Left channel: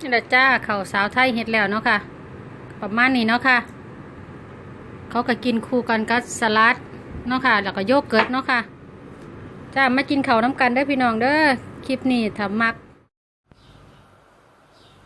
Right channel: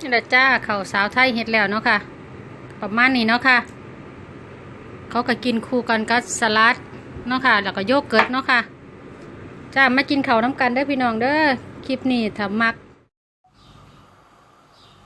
นี่แหละจ้าเขาสาวไทยเฮ็ดแล้วเนาะค่ะ ประมาณนี้เนาะค่ะ เขาก็กินคู่กันกับสลัดเนาะค่ะ แล้วก็โยเกิร์ตเนาะค่ะจ้ามากินเข้าน้ำกันเด้อพี่น้องเด้อคลิปนี้ถ้ามัก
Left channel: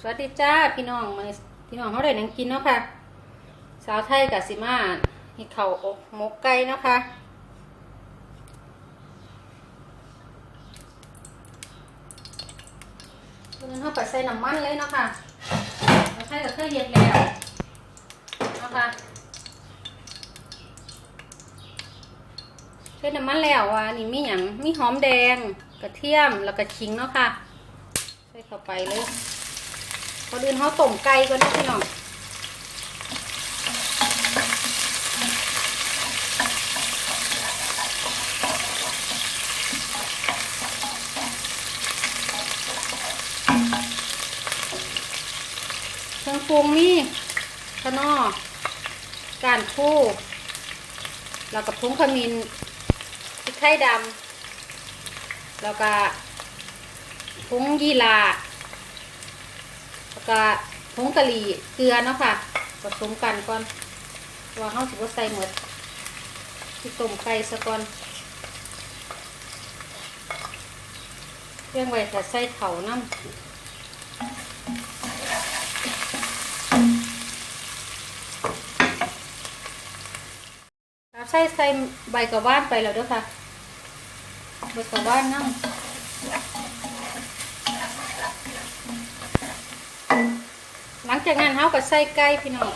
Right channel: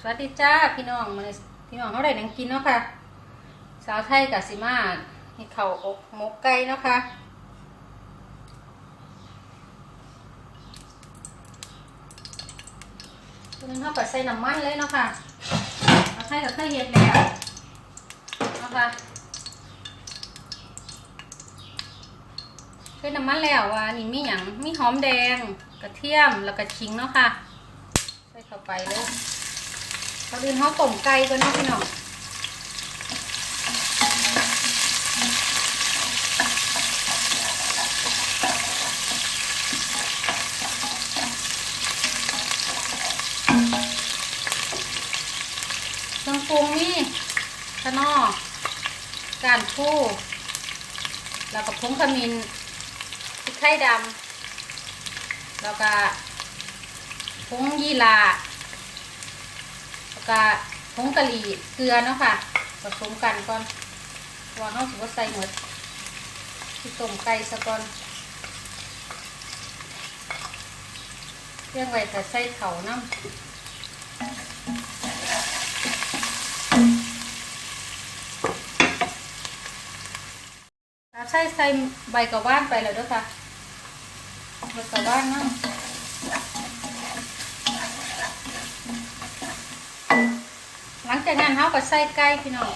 สวัสดีจ้าพี่น้องมาพี่น้องเขาได้หนังกินเนาะค่ะ สาวไทยกับสิมาเฮ็ดข้าอบหมกไก่เนาะค่ะืนเข้าไปใส่น้ำมันเลยเนาะค่ะเราใส่กับเครื่องเย็นแล้วเนาะค่ะใส่น้ำมันแล้วอะนี่มีอย่างมีหอมแดงกระเทียมแล้วก็ขิงเนาะค่ะ ใส่เข้าไปเลยก่อนอื่นเขาต้มไก่ก่อนเนาะพี่น้อง เครื่องปรุงมีขนอการคู่แล้วก็ผงขมิ้นพริกไทยดำแล้วก็ผงยีราแล้วก็ผงกะหรี่เกลือเนาะค่ะผสมกันก่อนวางเข้าสิว่าใส่หมดที่ต้มไก่ซะก่อนเครื่องไว้แต่ใส่เขาน้ำ เราใส่ใส่ใบกระว่านไปแล้วด้วยค่ะใบกระว่านเนาะหลังจากนั้นเขาก็ใส่ไก่พี่น้อง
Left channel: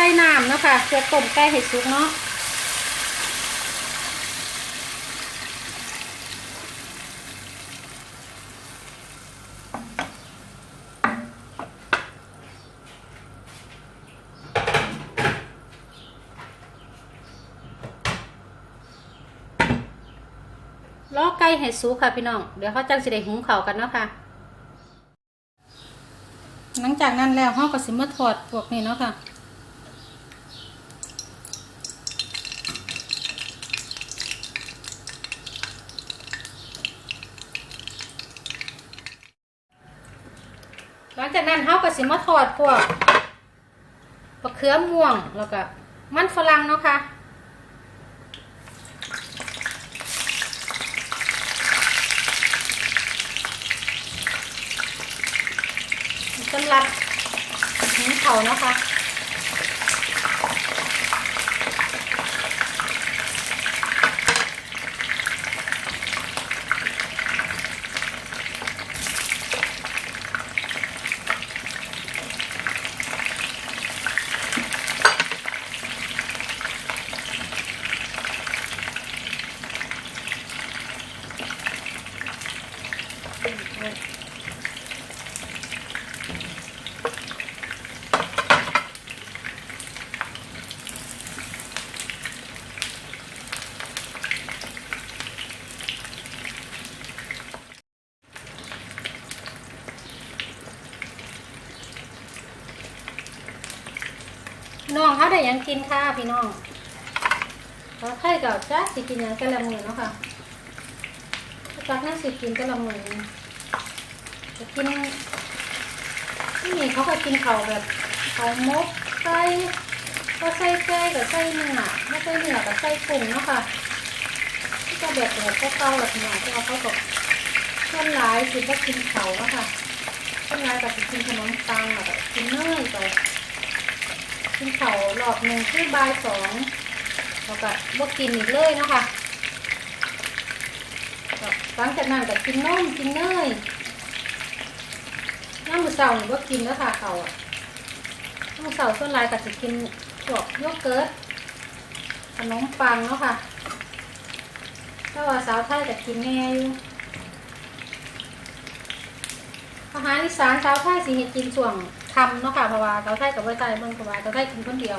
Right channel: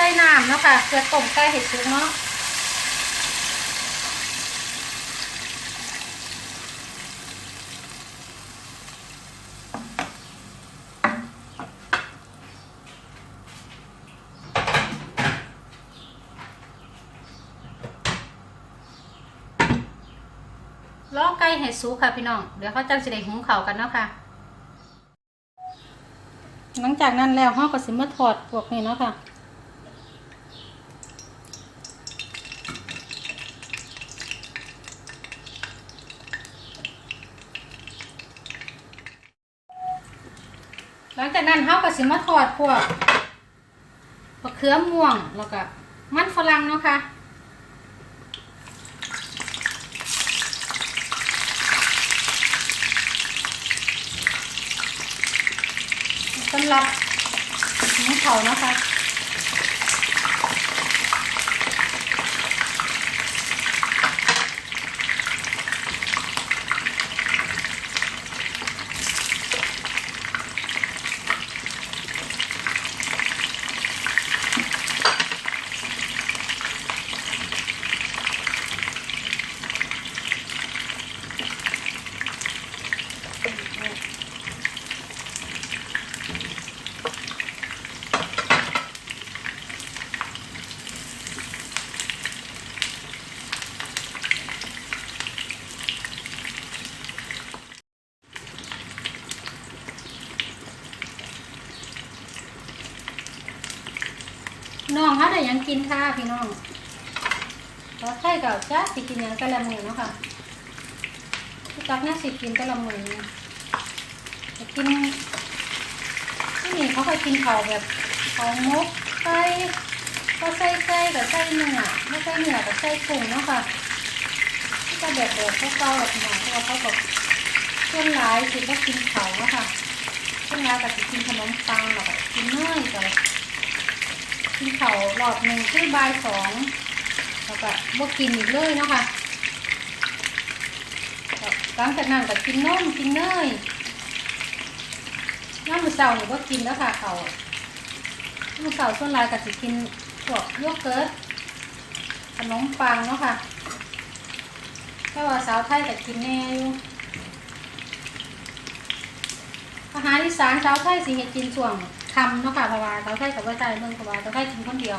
สิใส่น้ำเนาะค่ะเพื่อต้มไก่ให้สุกเนาะล้อไก่ให้สุกค่ะพี่น้อง เดี๋ยวเขาจังสิได้หุงเขากันเนาะค่ะ หลังจากนั้นแล้วเราก็สิมาถอดพวกนี้เนาะค่ะ จากนั้นเขาก็สิมาทอดพวกมะเขือม่วงแล้วก็มันฝรั่งเนาะค่ะสำหรับหิ้งเขานะคะ น้องเขาได้ยังกินค่ะพี่น้อง แล้วใครกับจ้าสิกินหยังกะละมือเนาะค่ะจักนั่งสิกินกะละมือจะกินนี่เขาก็กินเขาแบบเขามกไก่ก็ใส่ไก่กับใส่เนื้อไม่ใส่เนื้อกับใส่กุ้งเนาะค่ะก็แบบแบบพวกเขาแบบหนาที่เขาแบบคนหลายสิก็กินเขาเนาะค่ะคนหลายกับกินขนมปังกับกินเนยกับ กินเขาวรอบหนึ่งคือบ่ายสองแล้วก็บกินอีกเลยเนาะคะหลังจากนั้นก็กินนมกินเนยน้ำมือเสาเนี่ยบกินแล้วค่ะเขาน้ำมือเสาส่วนลายก็จะกินพวกโยเกิร์ตขนมปังเนาะค่ะถ้าว่าสาวไทยก็กินแน่อยู่อาหารอีสานชาวไทยสิเฮ็ดกินช่วง คำเนาะค่ะเพราะว่าชาไทยกับบ่ใจเบิ่งเพราะว่าไทยกินคนเดียว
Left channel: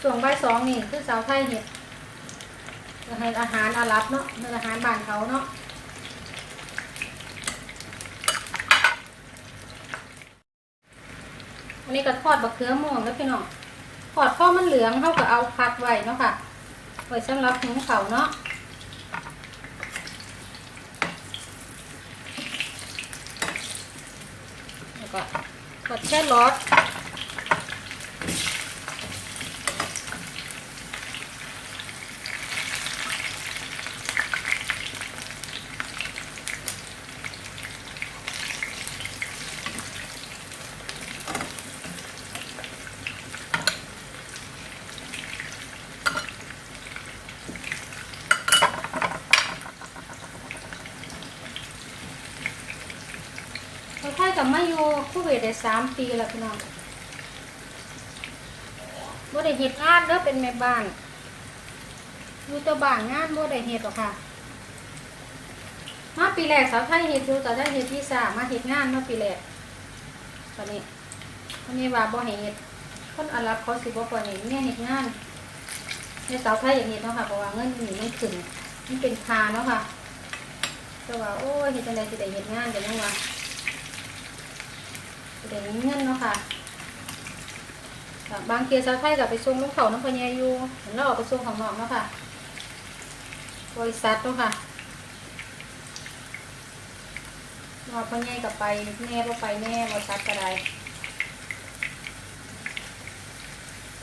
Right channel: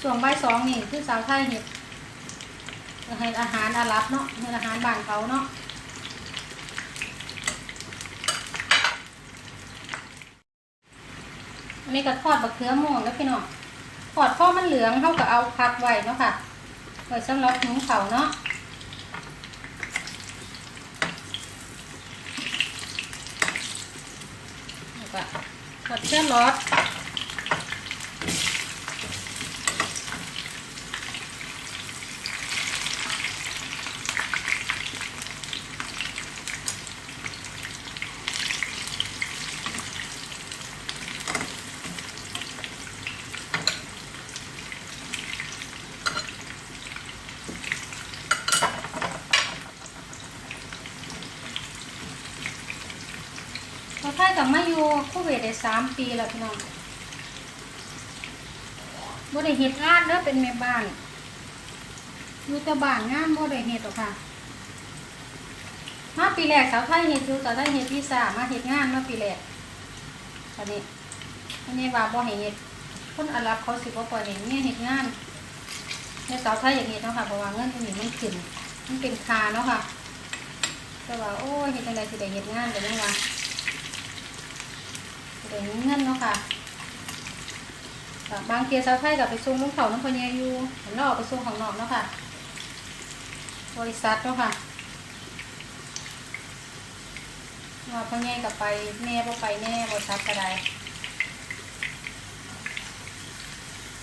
ช่วงบ่ายสองนี่คือชาวไทยเฮ็ดอาหารอาหารอาหรับเนาะเป็นอาหารบ้านเขาเนาะอันนี้ก็ทอดบักเขือม่วงแล้วพี่น้องทอดพอมันเหลืองเฮาก็เอาพักไว้เนาะค่ะไว้สำหรับหุงข้าเนาะ แล้วก็ ผัดแค่รสเราค่ายกับมาอยู่คูเวตได้สามปีแล้วพี่น้องบ่ได้เฮ็ดงานเด้อเป็นแม่บ้านอยู่แต่บ้านงานบ่ได้เฮ็ดหรอกค่ะ มาปีแรกสาวไทยเฮ็ดอยู่สาวไทยเฮ็ดวีซ่ามาเฮ็ดงานเมื่อปีแรกตอนนี้อันนี้ว่าบ่ให้เฮ็ดคนอาหรับเขาสิบ่ปล่อยให้เมียเฮ็ดงานในสาวไทยอย่างนี้เนาะค่ะเพราะว่าเงินมันนี่มันขึ้นมันเป็นคาเนาะค่ะแต่ว่าโอ้ยเฮ็ดจังได๋สิได้เฮ็ดงานแบบนี้ว่า เดี๋ยวนี้เงินเนาะค่ะบางเทียสาวไทยกับไปส่งลูกเขาน้องพญาอยู่เห็นเราออกไปส่งของนอกเนาะค่ะบริษัทเนาะค่ะเราพญากับไปแม่บ่ไปแม่บริษัทก็ได้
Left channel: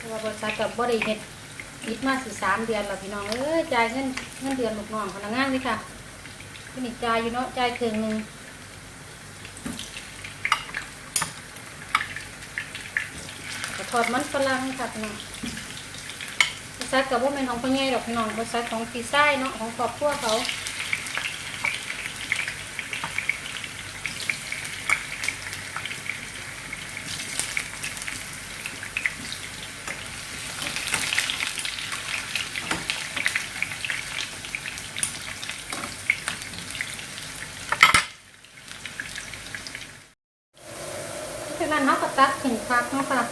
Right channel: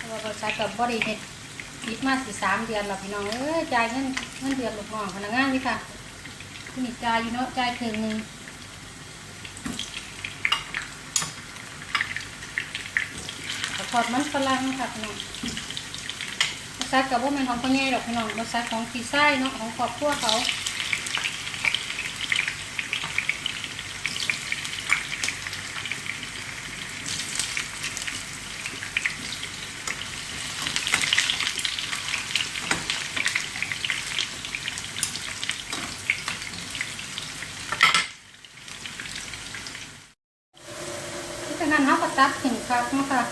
เราบริษัทกับบริเฮ็ดยิดมาสี่สามเดือนแล้วพี่น้องเอ้ยจ่ายเงินเงินเดือนลูกน้องพนักงานนี่ค่ะที่นี่จ่ายอยู่เนาะจ่ายครึ่งหนึง ทอดมันฝรั่งค่ะพี่น้องบริษัทกับว่าเป็นของพวนี้หรอกพี่น้องบริษัทของพีซ่ายเนาะของครอบครัวเขาฉะนั้นเขาก็ตัดถึงครับนะคะ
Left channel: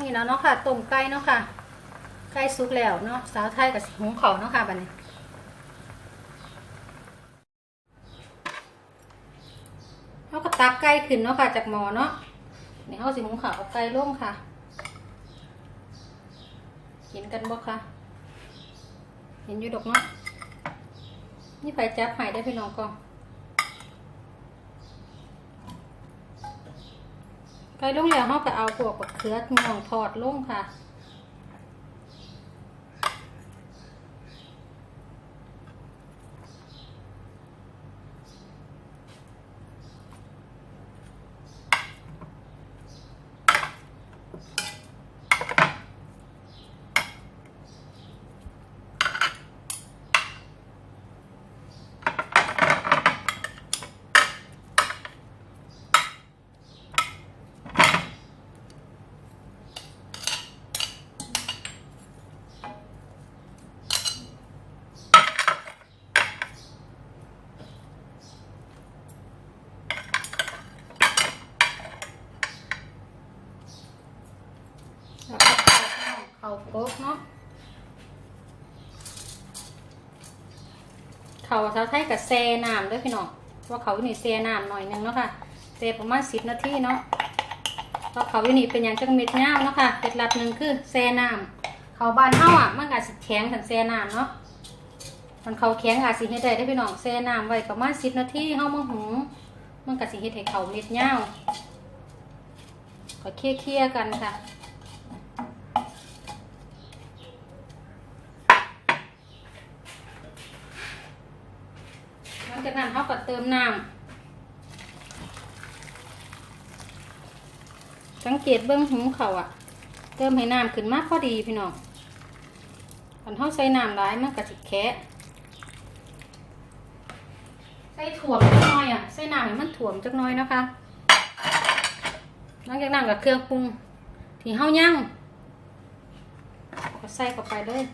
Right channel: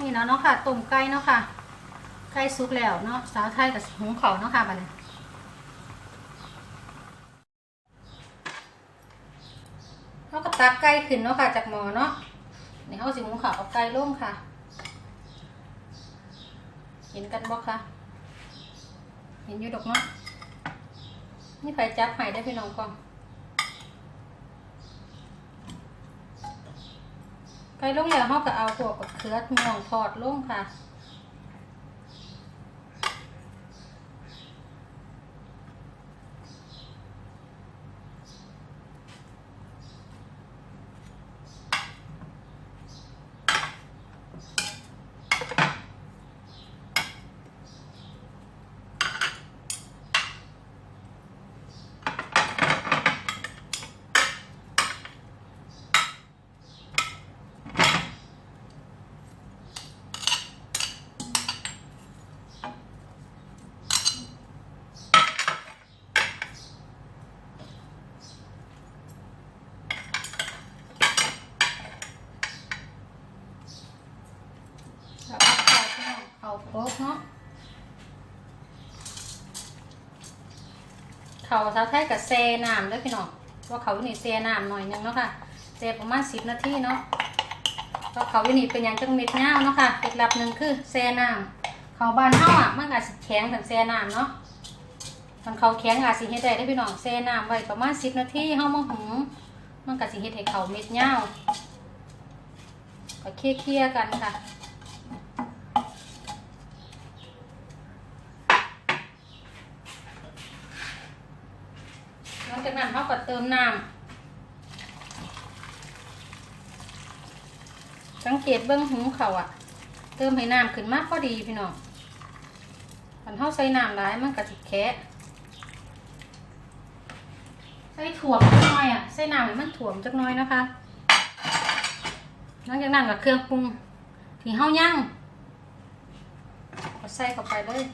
นี่เนาะเนาะค่ะต้มไก่เนาะค่ะไก่สุกแล้วเนาะสาวไทยกับหุงข้าเนาะค่ะบัดนี้แล้วก็ตักไก่ขึ้นเนาะค่ะจากหม้อเนาะนี่เอาสิหุงข้าวเอาไก่ลงค่ะเห็นกันบ่คะเห็นอยู่ดอกเนาะนี่ไฟจับให้ได้พี่น้องก่อน ไก่ลงแล้วเราก็เอาพวกกับเขือม่องทอดลงค่ะ แล้วเอาข้าวเขาโต๊ะเนาะ เขาชาวไทยกับแซ่น้ำด้วยพี่น้องว่าเขาอยู่นี่แซ่น้ำหน่อยนึงเนาะค่ะแซ่ประมาณสิบนาทีเนาะว่าเขาอยู่นี่เป็นอย่างจังเม็ดย่าเนาะค่ะเคล็ดลับหนึ่งคือแซ่น้ำเขาบ้านเฮาอะมันอาจสิแข็งถึงแซ่น้ำเนาะมันเขาแข็งอาจสิเฮ็ดได้ได้พี่น้องแซ่น้ำไว้ประมาณสิบนาทีเฮามาหุงมันก็สิเฮ็ดให้เขาเม็ดยาก็เคี่ยๆกันค่ะ หลัง จากนั้นเขาก็เติมน้ำสังเกตเบื้องหูเขาอะเติมให้น้ำขึ้นมากพอดีพี่น้องมันเขาใส่น้ำร้ายมันกระสิกแคะใส่ถั่วมจักหน่อยอะใส่น้ำให้มันถ่วมจักน้อยนะคะหลังจากนั้นกับเครื่องปรุงที่เฮาย่างก็ใส่เข้าไปเลย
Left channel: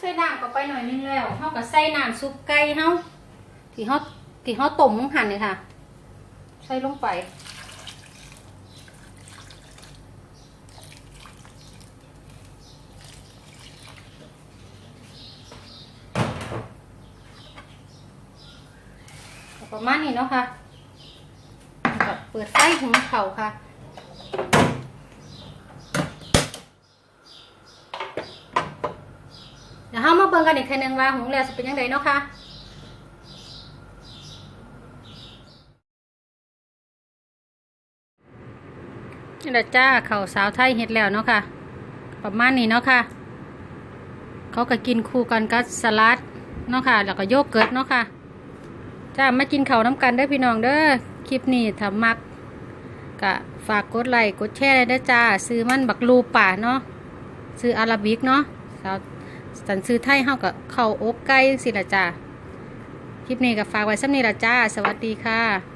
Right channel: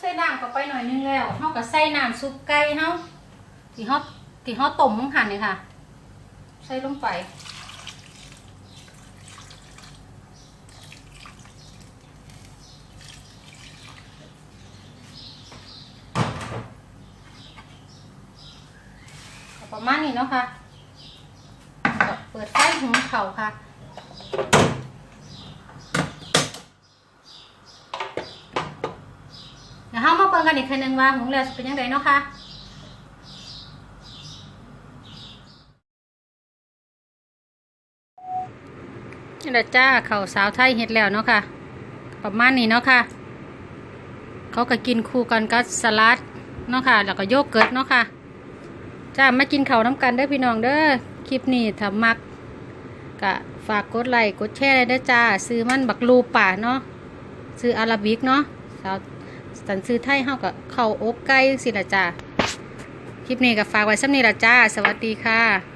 ใส่น้ำเข้าไปหน่อยนึงแล้วเขาก็ใส่น้ำซุปไก่เฮาที่เขาที่เขาต้มลงหั่นนี่ค่ะ ใส่ลงไปประมาณนี้เนาะค่ะก็เปิดไฟหุงเขาวค่ะ ดี๋ยวเรามาเบิ่งกันอีกทีหนึงว่าหุงแล้วจะเป็นยังไงเนาะค่ะนี่ละจ้าเขาสาวไทยเฮ็ดแล้วเนาะค่ะ ประมาณนี้เนาะค่ะ เขาก็กินคู่กันกับสลัดเนาะค่ะ แล้วก็โยเกิร์ตเนาะค่ะจ้ามากินข้าวน้ำกันเด้อพี่น้องเด้อคลิปนี้ถ้ามักก็ฝากกดไลค์กดแชร์ได้อจ้า ซื้อมันบักลูป่าเนาะซื้ออาราบิกเนาะสาว สันซื้อไทยเฮากับข้าอบไก่สิละจ้าคลิปนี้ก็ฝากไว้สำนี้ละจ้า สวัสดีค่ะ